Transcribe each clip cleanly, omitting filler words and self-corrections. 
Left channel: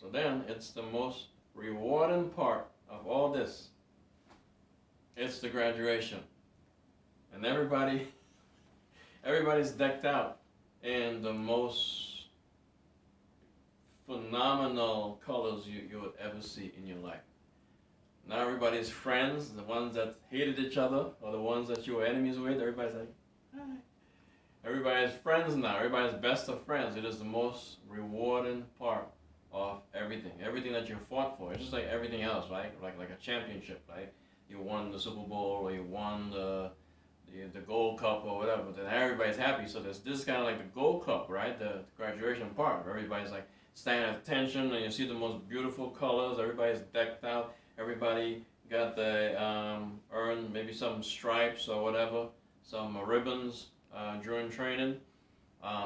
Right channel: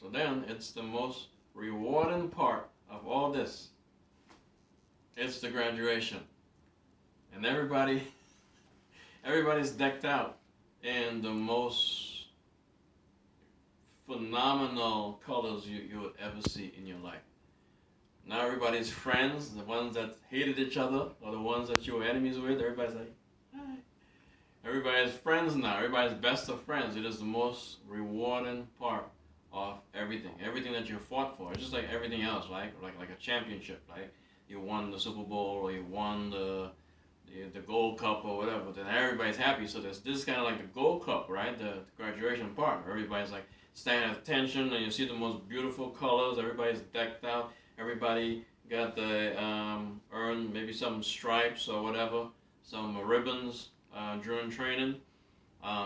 So then it's the most rewarding part of all this. It's the graduation. And everybody's decked out in the most phenomenal colors you would ever see in your life. Now everybody's friends, the ones that hated each other or the ones that you were enemies with, everybody's like, hi. Everybody's friends now. Everybody's best of friends. It is the most rewarding part of everything. Everything that you fought for. It's just like everything else, right? Like a championship, right? You won the Super Bowl or you won the Gold Cup or whatever. Then everybody's happy. So this kind of like the Gold Cup, right? The graduation part. Everybody's like standing at attention, and you see the most beautiful colors. Everybody's decked out. Everybody got the earned maybe some stripes or whatever, some ribbons during training,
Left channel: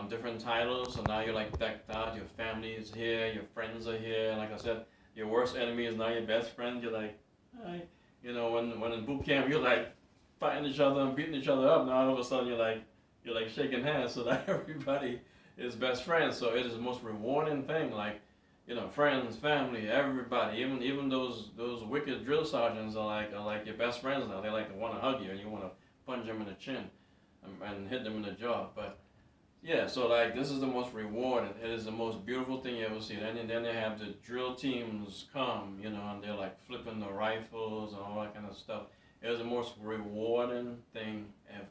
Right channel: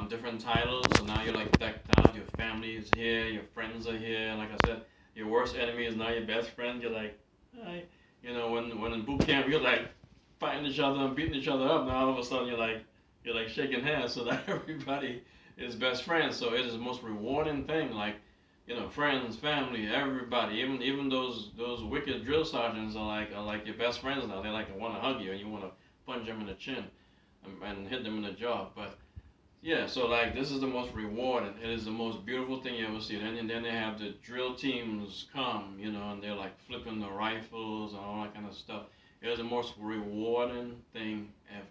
different titles. So now you're like decked out. Your family is here. Your friends are here. And like I said, your worst enemy is now your best friend. You're like, hi. You know, when in boot camp, you're like fighting each other and beating each other up. Now all of a sudden you're like shaking hands so that everybody is best friends. So it is the most rewarding thing. Like, you know, friends, family, everybody, even those wicked drill sergeants are like your best friends now. They like to want to hug you and you want to punch them in the chin and hit them in the jaw. But yeah, so like this is the most rewarding. It is the most beautiful thing you ever see. And then they have the drill teams come, you know, and they're like flipping the rifles and all that kind of stuff. It is the most rewarding thing ever.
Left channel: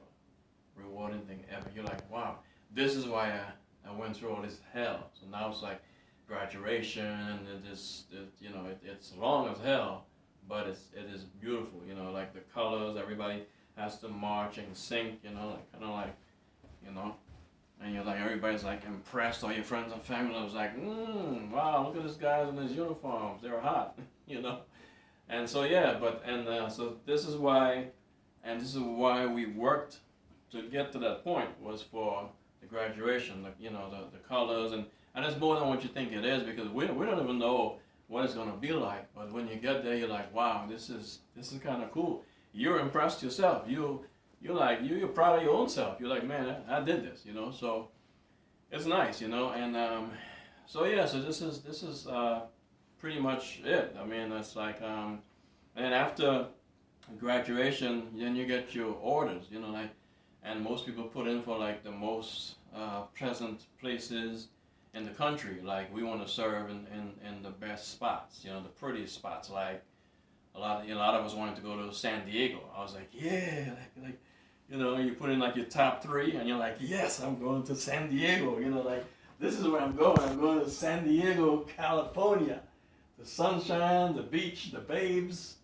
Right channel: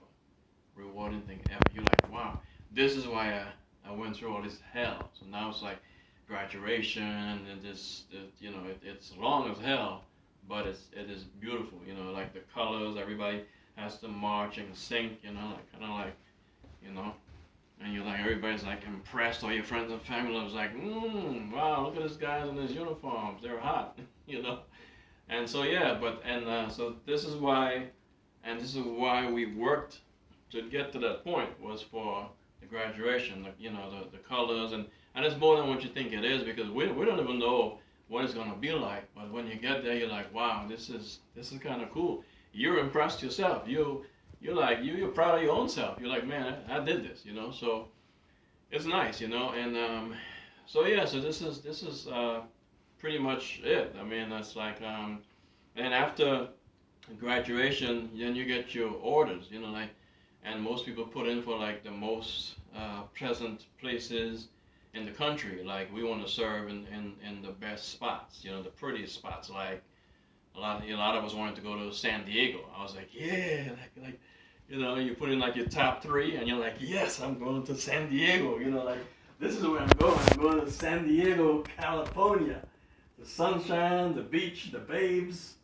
Rewarding thing ever. You're like, wow, this is why I went through all this hell. So now it's like graduation and you know, it's long as hell, but it is beautiful. You know, like the colors, everybody has to march and sync. You know, like kind of like, you know, and you're like everybody's like impressed. All your friends and family was like, wow, look at these guys in these uniforms. They're hot. You know, and so yeah, so this is why we worked to get to that point was for the graduation, you know, the colors, and it's more than what you think it is because we don't even know what it's gonna be like. But when you get there, you're like, wow, this is kind of cool. You're impressed yourself. You're proud of your own self. You're like, man, I did this, you know. So it's nice, you know, and so yeah, so this is pretty much it. I mean, it's like and after graduation, then you get your orders, you know, like, and most people put in for like the most pleasant places in the country. Like we want to serve in the best spots, you know, the prettiest spots. Like a lot of us wanted to go to San Diego. I was like, yeah, like you know, you put in like your top three, and you're like, yes, I'm going to San Diego. You know, like this is where I'm going. I'm going to San Diego, California. The sunshine, the beach, the babes,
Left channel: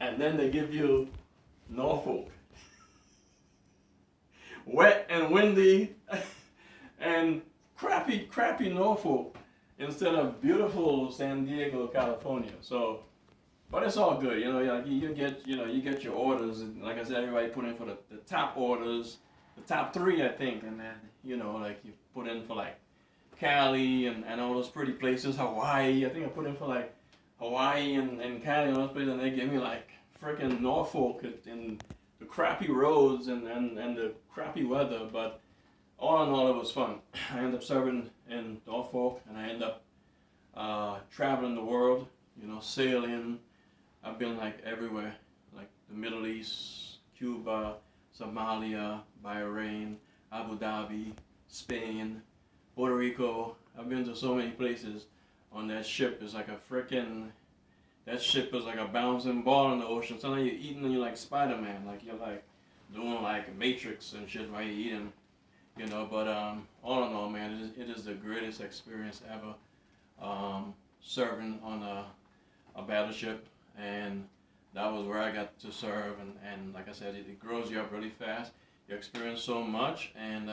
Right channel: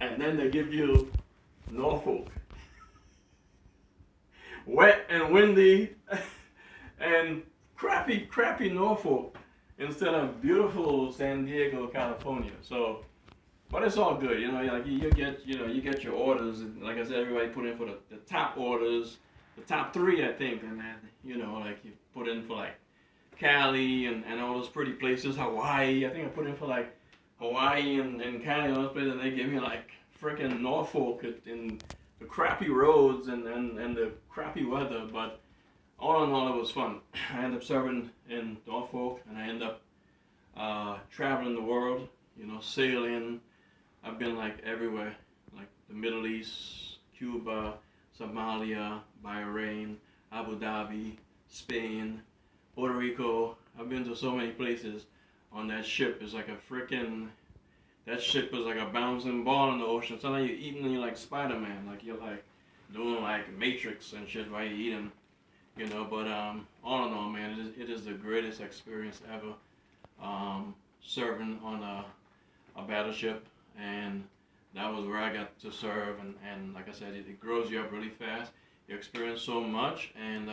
and then they give you Norfolk. Wet and windy and crappy Norfolk instead of beautiful San Diego, California. So, but it's all good, you know. Like you get your orders, and like I said, everybody put in for the top orders, the top three, I think, and then you know, like you put in for like Cali and all those pretty places, Hawaii. I think I put in for like Hawaii and Cali and those places, and they gave me like freaking Norfolk and the crappy roads and the crappy weather. But all in all, it was fun. I ended up serving in Norfolk, and I ended up traveling the world, you know, sailing. I've been like everywhere, like the Middle East, Cuba, Somalia, Bahrain, Abu Dhabi, Spain, Puerto Rico. I've been to so many places on that ship. It's like a freaking, that ship is like a bouncing ball in the ocean. Sometimes you're eating and you're like Spider-Man, like you're like doing like Matrix and shit while you're eating, you know. But all in all, man, it is the greatest experience ever. Serving on a battleship, and that was where I got to serve. And like I said, it grows you up really fast. You experience so much, and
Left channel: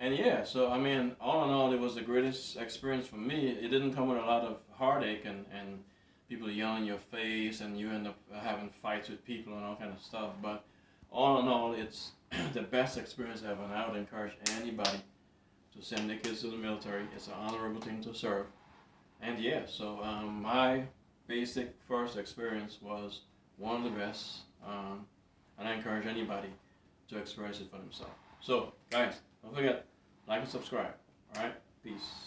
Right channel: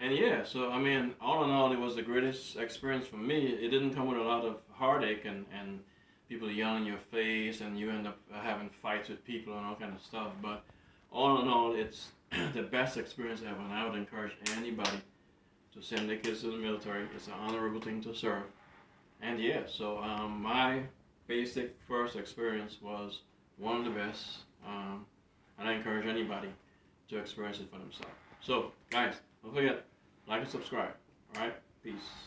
yeah. So I mean, all in all, it was the greatest experience for me. It didn't come with a lot of heartache and people yelling in your face, and you end up having fights with people and all kind of stuff. But all in all, it's the best experience ever, and I would encourage anybody to send their kids to the military. It's an honorable thing to serve. And yeah, so my basic first experience was one of the best, and I encourage anybody to experience it for themselves. So, guys, don't forget, like and subscribe. All right. Peace.